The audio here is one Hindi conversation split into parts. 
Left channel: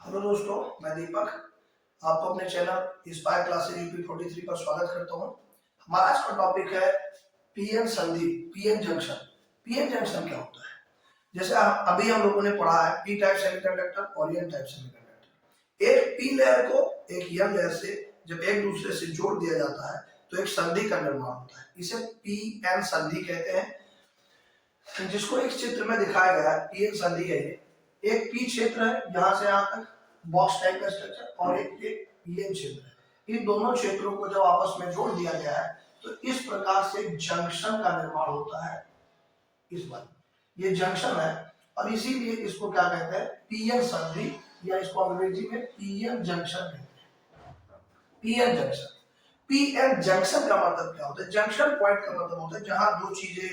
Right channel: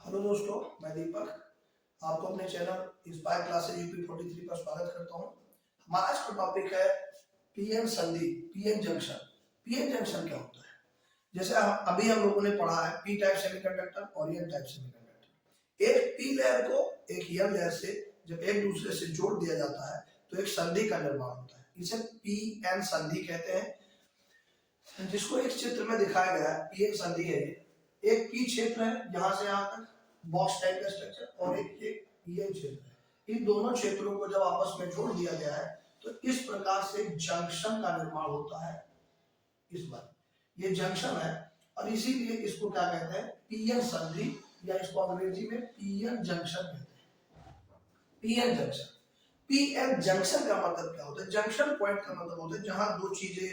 हेलो दोस्तों, मैं दीपक आपको अपने चैनल इंस्पायर क्लासेस यूपी 43 पर स्वागत करता हूं। हमारा आज का टॉपिक है पीएन संधि, पीएन जंक्शन। पीएन जंक्शन क्या होता है? जैसे अभी हम लोगों ने पढ़ा है पी टाइप सेमीकंडक्टर और एन टाइप सेमीकंडक्टर। एक पी लेयर को एक एन लेयर से जब एक दूसरे से जोड़ दिया जाता है तो एक संधि का निर्माण होता है। इसे पी एन संधि कहते हैं, जिसको एक चित्र में दिखाया गया है। पीएन संधि है ये। एक पी क्षेत्र है यहाँ से यहाँ तक बॉक्स टाइप का स्ट्रक्चर, और एक पीएन क्षेत्र है। इन दोनों क्षेत्रों को जब आपस में जोड़ दिया गया है तो इस प्रकार से जंक्शन का निर्माण होता है। इस बार ये जंक्शन है और इसीलिए इसको क्या कहते हैं? पीएन संधि, या इसको अंग्रेजी में पीएन जंक्शन कहते हैं। PN junction. पीएन जंक्शन का मतलब क्या होता है? जंक्शन पॉइंट का मतलब होता है जहां दो चीजें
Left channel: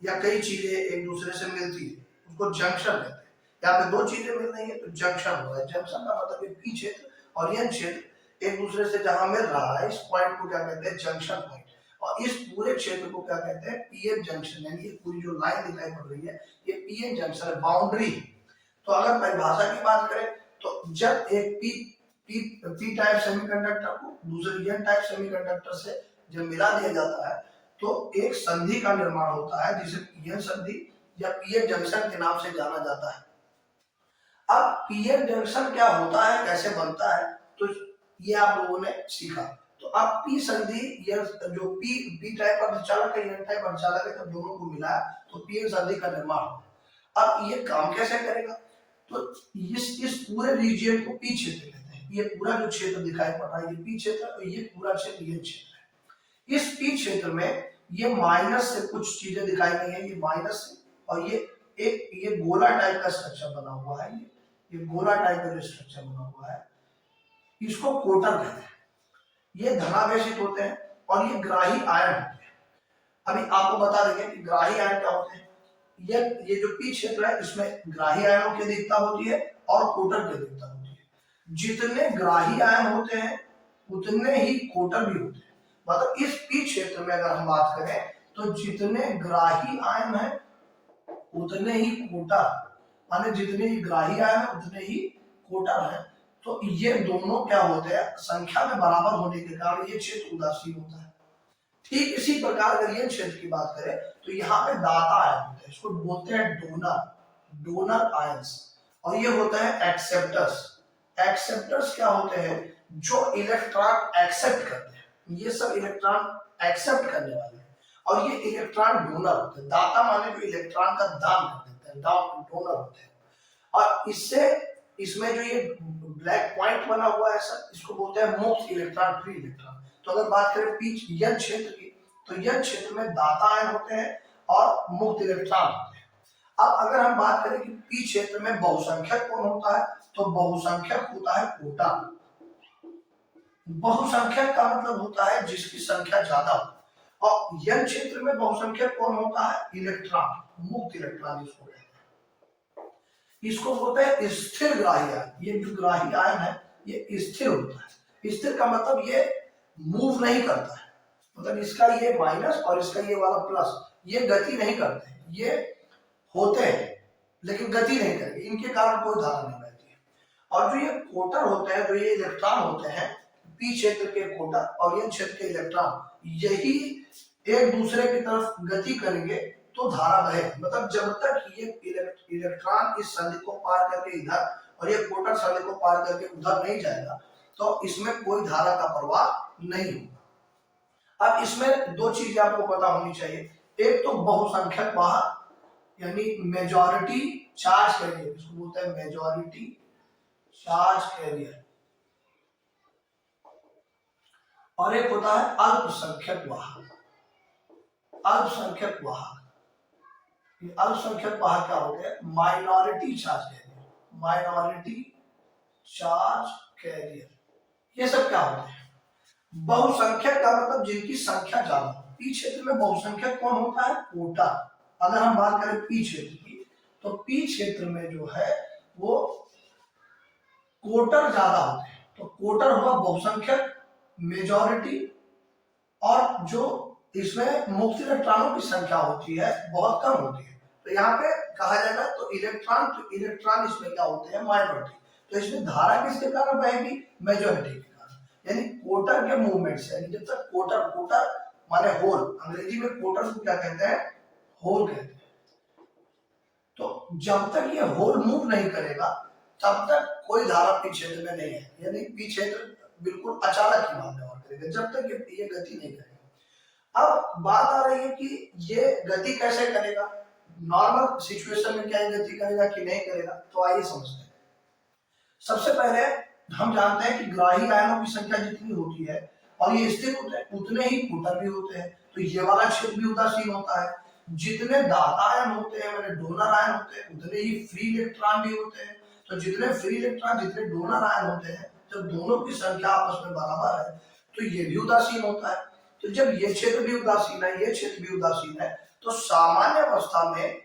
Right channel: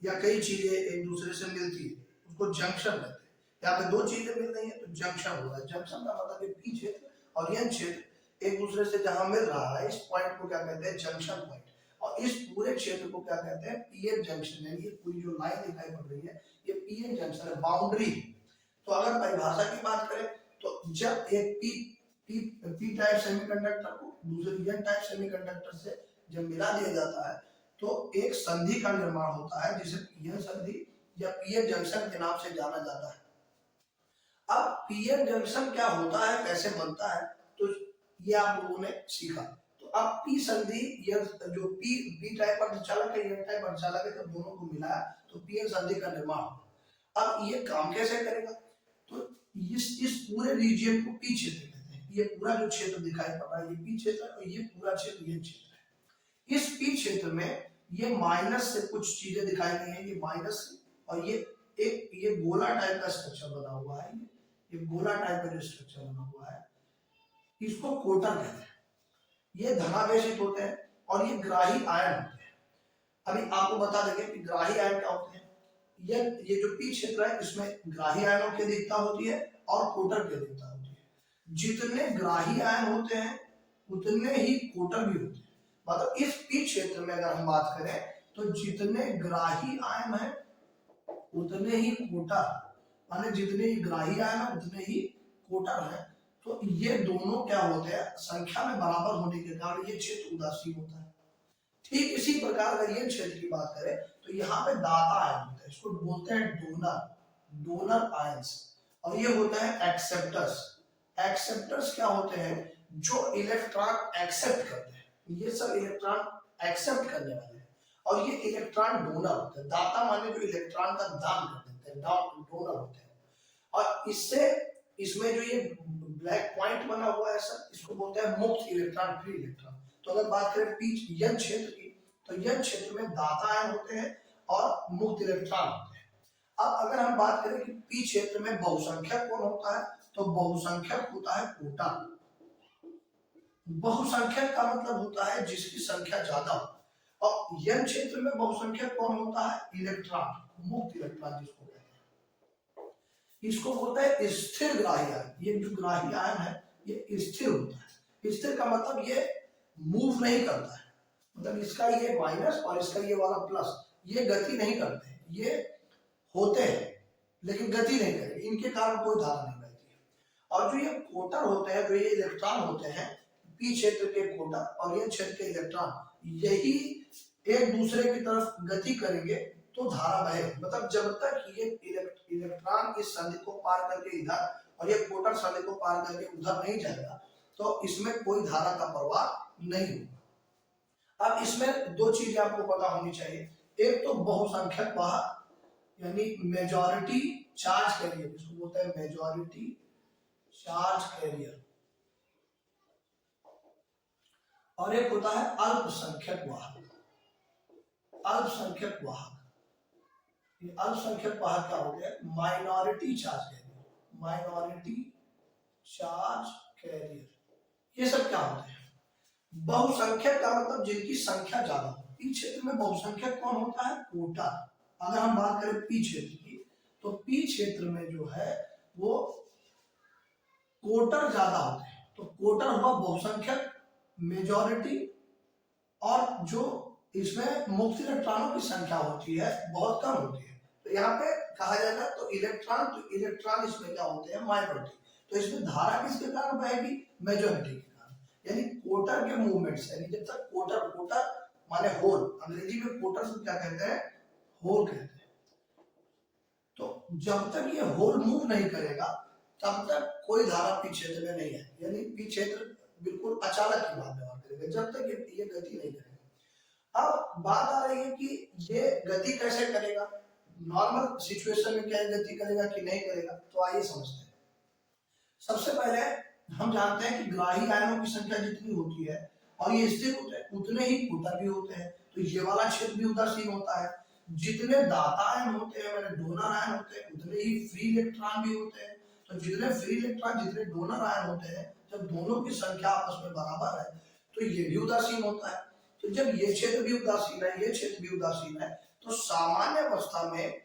या कई चीजें एक दूसरे से मिलती है, उसको जंक्शन कहते हैं। यहाँ पे दो चीजें मिल रही है तो जंक्शन हो रहा है। जंक्शन का मतलब पी क्षेत्र और एन क्षेत्र एक दूसरे से जहां मिल रहा है, इस पॉइंट को क्या कहते हैं? Junction point. और इस पूरे क्षेत्र को क्या कहते हैं? PN junction. यानी ये पूरी जो लाइन दिखाई पड़ रही है ये पीएन जंक्शन है, बाउंड्री। तो अगर परिभाषा की बात करें तो जब एक पी टाइप सेमीकंडक्टर को दूसरे एन टाइप सेमीकंडक्टर से जब मिला दिया जाता है तो एक संधि का निर्माण होता है, जिसे पीएन संधि या पीएन जंक्शन के नाम से जाना जाता है। अब पीएन जंक्शन क्या होता है, कैसे बनता है, तो ये आप लोगों ने सीखा। तो अब पी संधि या जो पी टाइप अर्धचालक है, एन टाइप अर्धचालक है, जब दोनों को मिला तो पीएन संधि का निर्माण होगा। अब ये काम कैसे करेगा? तो इस पूरे रीजियन को पी क्षेत्र कहते हैं। ये पूरा जो क्षेत्र दिखाई पड़ रहा है ये पी क्षेत्र, और ये पूरा क्षेत्र ये क्षेत्र है। इस पी क्षेत्र में ये माइनस से कुछ चीजें दिखाई गई है, ये माइनस से, और ये गोला टाइप का स्ट्रक्चर बना हुआ है। ये गोला टाइप का जो स्ट्रक्चर बना हुआ है इसको कोटर कहते हैं। ये धनावेशित होते हैं और ये ग्राही आयन होते हैं। अभी आपको बता देंगे कि ग्राही आयन क्या होते हैं। ये जो पी क्षेत्र है इसमें ग्राही आयनों की अधिकता होती है और कोटर की अधिकता होती है। जितने ग्राही आयन होते हैं उतने ही कोटर भी होते हैं। मतलब इस पी क्षेत्र में अगर हम बात करें तो जितने ग्राही आयन है उतने ही कोटर, माने जितने ही ग्राही आयन है उतने ही कोटर है। तो ये दोनों क्या होते हैं? संख्या में बराबर होने के कारण ये क्षेत्र उदासीन होता है। ठीक इसी प्रकार अगर ये क्षेत्र की बात करें तो यहाँ पे दाता आयन होते हैं, इसको बोलते हैं डोनर आयंस। और ये होता है एक्सेप्टर्स। एक्सेप्टर्स क्या होते हैं? जो इलेक्ट्रॉन एक्सेप्ट करते हैं। ये सब इलेक्ट्रॉन एक्सेप्ट करने वाले हैं। और ये इलेक्ट्रॉन डोनर होते हैं। दाता माने जो इलेक्ट्रॉन का दान कर देते हैं, डोनर होते हैं। और इसमें जो ये ब्लैक पॉइंट बना हुआ है सर, इसको बोलते हैं मुक्त इलेक्ट्रॉन, फ्री इलेक्ट्रॉन। तो अगर बात करें यन क्षेत्र की तो यन क्षेत्र में दाता आयन होते हैं और मुक्त इलेक्ट्रॉन होते हैं। अब अगर हम बात करें कि पी क्षेत्र में बहुसंख्यक कौन होता है, तो बहुसंख्यक होता है कोटा। बहुसंख्यक का मतलब होता है जिसकी संख्या ज्यादा हो। और यन क्षेत्र में बहुसंख्यक कौन होता है? इलेक्ट्रॉन, मुक्त इलेक्ट्रॉन जिसको कहते हैं। इसको बोलते हैं स्थिर ग्राही आयन। ये जो ग्राही आयन है ये स्थिर होता है। स्थिर का मतलब ये मूव नहीं करता है, मतलब इसका ये माइनस और इसका ये वाला प्लस, ये गति नहीं करते हैं। ये होते हैं लेकिन गति नहीं करेंगे, इनके कारण कोई धारा नहीं बहती है। और जो ये कोटर होते हैं, जो ये इलेक्ट्रॉन होते हैं, पी क्षेत्र के कोटर और एन क्षेत्र के इलेक्ट्रॉन, यही एक दूसरे की तरफ गति करेंगे तो धारा बहे। मतलब जब तक ये इलेक्ट्रॉन इस संधि को पार करके इधर और ये कोटर संधि को पार करके उधर नहीं जाएगा तो इसमें कोई धारा का प्रवाह नहीं होगा। अब इसमें दो चीजें आपको पता होनी चाहिए। एक तो बहुसंख्यक वाहक यानी मेजॉरिटी चार्ज कैरियर, इसको बोलते हैं मेजॉरिटी चार्ज कैरियर। और एक होता है अल्पसंख्यक वाहक। अल्पसंख्यक वाहक, अल्पसंख्यक वाहक क्या होते हैं? Minority charge carrier, minority charge carrier. ये सब क्या होते हैं? बहुसंख्यक का मतलब जिनकी संख्या ज्यादा हो। पी क्षेत्र में बहुसंख्यक कौन होता है? कोटा। अगर हम बात करें पी क्षेत्र की तो पी क्षेत्र में जो है वो कोटर ज्यादा होते हैं। तो कोटर हुआ बहुसंख्यक, मेजॉरिटी, और जो इसमें मुक्त इलेक्ट्रॉनों की संख्या होती है बहुत कम होती है। तो यहाँ पे कहा जाएगा तो इलेक्ट्रॉन इसमें क्या होते हैं? माइनॉरिटी। तो इसमें धारा किसके कारण बहेगी? मेजॉरिटी के कारण। यानी कोटर के मूवमेंट से, यानी जब तक कोटर, कोटर माने होल, अंग्रेजी में कोटर को क्या कहते हैं? होल कहते हैं। तो जब तक ये होल मूव नहीं करेगा तब तक कोई धारा पी क्षेत्र में नहीं है, यानी पी क्षेत्र बिल्कुल अचानक ही बात व्यवहार करेगा जब तक ये गति नहीं करेगा। अब बात आ रही है कि ये गति कैसे करेगा, नॉर्मल सिचुएशन में क्या ये गति करेगा कि नहीं करेगा, तो आइए समझते हैं। सबसे पहले हम जानते हैं कि ग्राही आयनों की संख्या जितनी होती है और ये स्थिर होते हैं उतने ही कोटर भी होते हैं, तो ये वाला क्षेत्र भी उदासीन होता है। जितने दाता आयन होते हैं, मैंने डोनर आयन होते हैं, उतने ही फ्री इलेक्ट्रॉन भी होते हैं। तो जितने फ्री इलेक्ट्रॉन, जितने डोनर आयन होते हैं, जब दोनों की संख्या आपस में बराबर है तो ये भी उदासीन होता है। तो जब ये क्षेत्र भी उदासीन है, ये क्षेत्र भी उदासीन है, तो सामान्य अवस्था में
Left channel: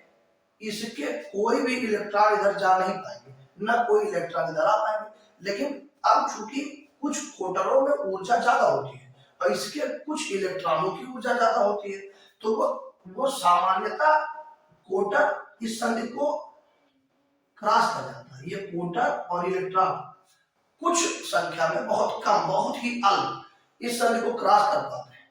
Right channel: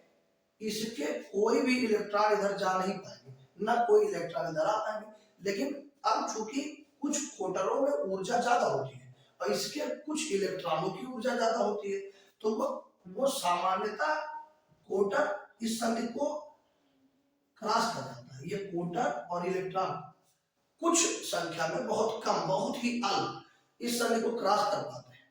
इसके कोई भी इलेक्ट्रॉन इधर जा नहीं पाएंगे, ना कोई इलेक्ट्रॉन इधर आ पाएंगे। लेकिन अब चूंकि कुछ कोटरों में ऊर्जा ज्यादा होती है और इसके कुछ इलेक्ट्रॉनों की ऊर्जा ज्यादा होती है, तो वो सामान्यतः कोटर इस संधि को क्रॉस कर जाता है। ये कोटर और इलेक्ट्रॉन कुछ संख्या में, बहुत कम, बहुत ही अल्प इस संधि को क्रॉस कर पाते हैं,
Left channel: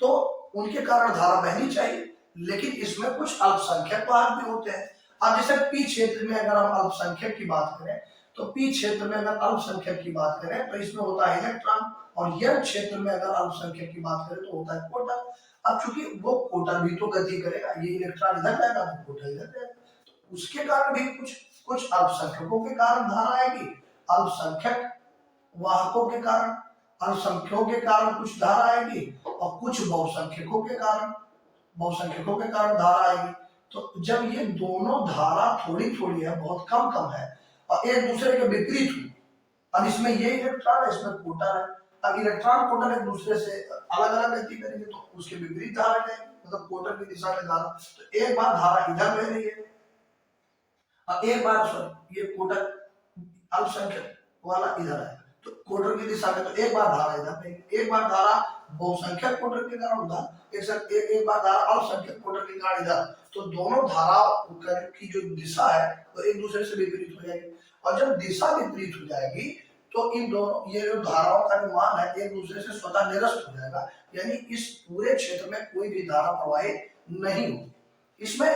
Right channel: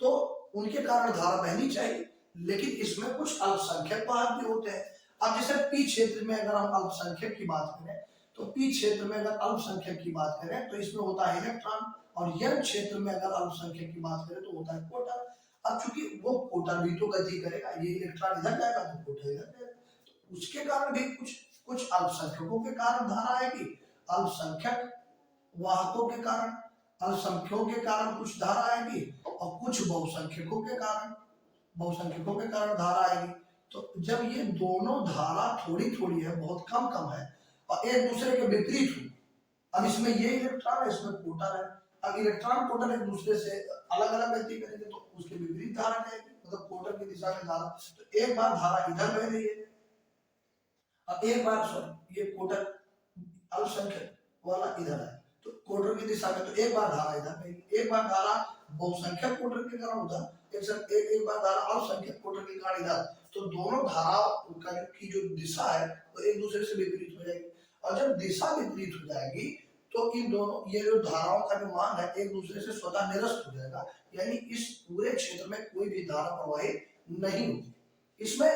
तो उनके कारण धारा बहनी चाहिए। लेकिन इसमें कुछ अल्पसंख्यक वाहक भी होते हैं। अब जैसे पी क्षेत्र में अगर हम अल्पसंख्यक की बात करें, तो पी क्षेत्र में अगर अल्पसंख्यक की बात करें तो इसमें होता है इलेक्ट्रॉन, और यह क्षेत्र में अगर अल्पसंख्यक की बात करें तो होता है कोटर। अब चूंकि वो कोटर भी तो गति करेगा, ये इलेक्ट्रॉन इधर जाएगा तो कोटर इधर जाएगा, तो उसके कारण भी कुछ अल्पसंख्यकों के कारण धारा आएगी, अल्पसंख्यक वाहकों के कारण, अल्पसंख्यकों के कारण कुछ धारा आएगी, और कुछ बहुसंख्यकों के कारण धारा आएगी। तो जब ये दोनों धारा थोड़ी थोड़ी है, बहुत कम कम है, और एक दूसरे के विपरीत हुई, अब इसमें ये इलेक्ट्रॉन है, इसमें कोटर है, अब इलेक्ट्रॉन कोटर एक दूसरे से अलग अलग गति करेंगे तो उसके विपरीत धारा जाएगी, मतलब कोटर की दिशा में धारा। तो एक बार धारा इधर बह रही है और एक बार ये कोटर अल्पसंख्यक वाला इधर आएगा, तो कोटर की दिशा में, तो एक बार धारा इधर बहेगी, एक बार धारा बहुसंख्यक कोटर के कारण उधर, एक बार धारा अल्पसंख्यक कोटर के कारण इधर, तो दोनों धाराओं की जो दिशा है वो एक दूसरे से विपरीत हो जाएगी। और जब दिशा विपरीत हो जाएगी तो इन दोनों, ये जो धाराओं का जो मान है एक दूसरे से स्वतः निरस्त हो जाएगा, यानी इस पूरे क्षेत्र में कोई भी धारा प्रवाहित नहीं होगी। इसमें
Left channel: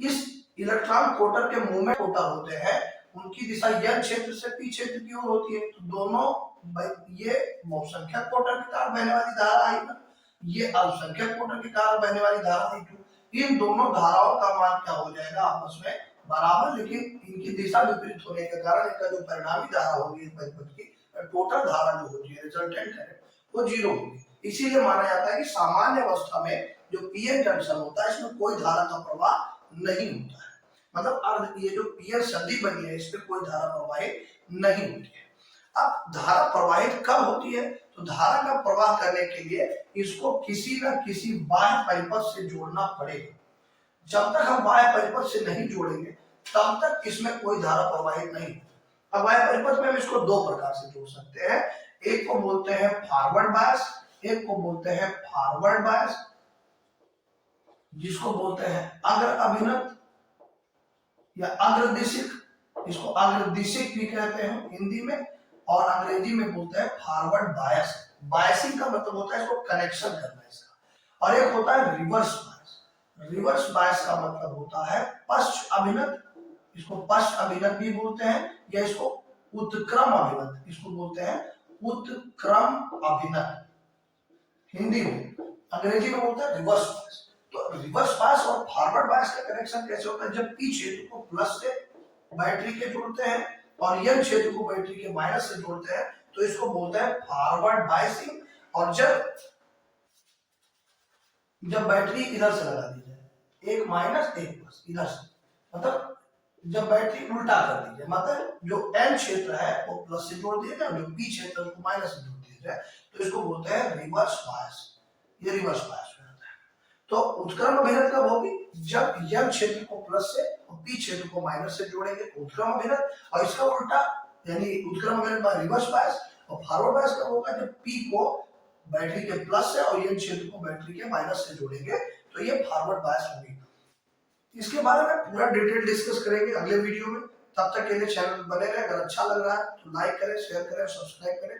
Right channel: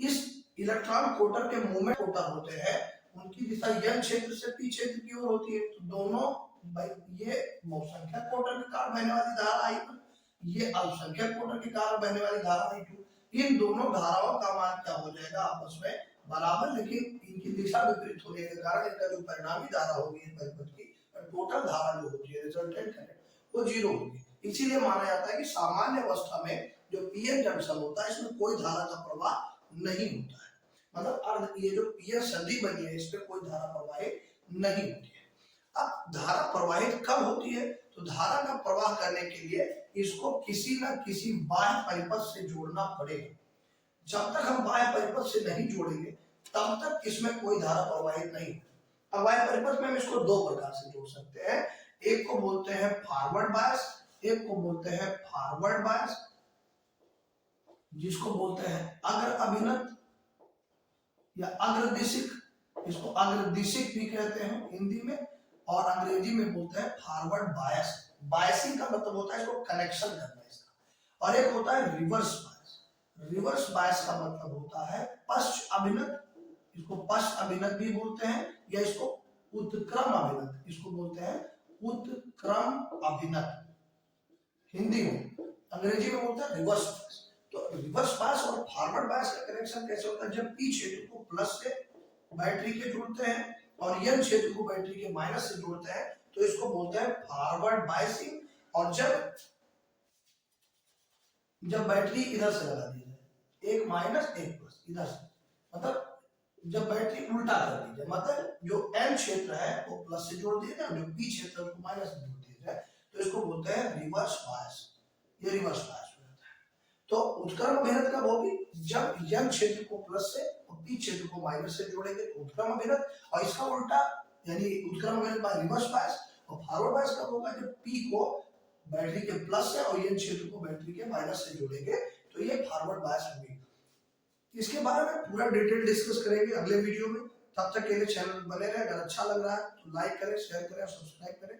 इस इलेक्ट्रॉन कोटर के मूवमेंट कोटर होते हैं, उनकी दिशा यह क्षेत्र से पी क्षेत्र की ओर होती है, तो दोनों, ये बहुसंख्यक कोटर के कारण बहने वाली धारा आई, ये अल्पसंख्यक कोटर के कारण बहने वाली धारा आई। इन दोनों धाराओं का मान क्या हो जाएगा? आपस में बराबर, लेकिन इनकी दिशा विपरीत होने के कारण इनका जो परिणामी धारा होगी परिपथ की, टोटल धारा जो होती है, रिजल्टेंट करंट, वो जीरो होगी। इसीलिए माना जाता है कि सामान्य अवस्था में जो पीएन जंक्शन होता है इसमें कोई धारा का प्रवाह नहीं होता है, मतलब ये जो पीएन संधि बनी है इसमें कोई धारा प्रवाहित नहीं होती है। अब धारा प्रवाहित कब होती है? तो धारा का प्रवाह करने के लिए इसको किसी न किसी बाह्य परिपथ से जोड़ना पड़ेगा। जब तक हम बाह्य परिपथ से नहीं जोड़ेंगे तब तक इसमें कोई धारा प्रवाहित नहीं। अब बाह्य परिपथ में हम इसको दो प्रकार से जोड़ सकते हैं, एक को बोलते हैं फॉरवर्ड बायस, एक को बोलते हैं फॉरवर्ड बायस, जिसको बोलते हैं अग्र अभिनत या अग्रदिशिक, इसको अग्रदिशिक भी कहते हैं हिंदी में, और अंग्रेजी में बोलते हैं फॉरवर्ड बायस। बायसिंग का मतलब होता है इसको कनेक्शन करना इसका। और एक होता है रिवर्स बायस। रिवर्स बायस का मतलब होता है पश्च अभिनत, इसको पश्च अभिनत भी बोलते हैं, या इसको उत्क्रम अभिनत, इसको बोलते हैं उत्क्रम अभिनत हिंदी में। अंग्रेजी में बोलते हैं रिवर्स बायस। तो रिवर्स बायस और फॉरवर्ड बायस का कनेक्शन कैसे होता है? जब पी क्षेत्र को प्लस से बैटरी के जोड़ते हैं और एन क्षेत्र को बैटरी के माइनस से जोड़ते हैं तो इसको बोलते हैं फॉरवर्ड बायसिंग। और जब बैटरी इधर से लगा दी जाए, एक माइनस एक प्लस इधर से, मतलब जब बैटरी उल्टा कर दी जाए, मतलब जो एन क्षेत्र है वो प्लस से जोड़ दिया जाए, जो पी क्षेत्र को माइनस से जोड़ दिया जाए, तो इसको बोलते हैं रिवर्स बायस। ये रिवर्स बायस हो जाता है। तो उत्क्रम अभिनत कब होगी? जब एन क्षेत्र को प्लस से और पी क्षेत्र को माइनस से जोड़ेंगे तो उत्क्रम अभिनत, और इसका उल्टा यानी उत्क्रम अभिनत बाय रिवर्स बायस। और फॉरवर्ड बायस कब होगा? जब पी को बैटरी के प्लस से और एन क्षेत्र को बैटरी के माइनस से जोड़ेंगे तो ये फॉरवर्ड बायस होगी। इसके बारे में पूरा डिटेल डिस्कस करेंगे अगले वीडियो में। तब तक के लिए चैनल बने रहे। अगर अच्छा लग रहा है तो लाइक करें, शेयर करें, सब्सक्राइब करें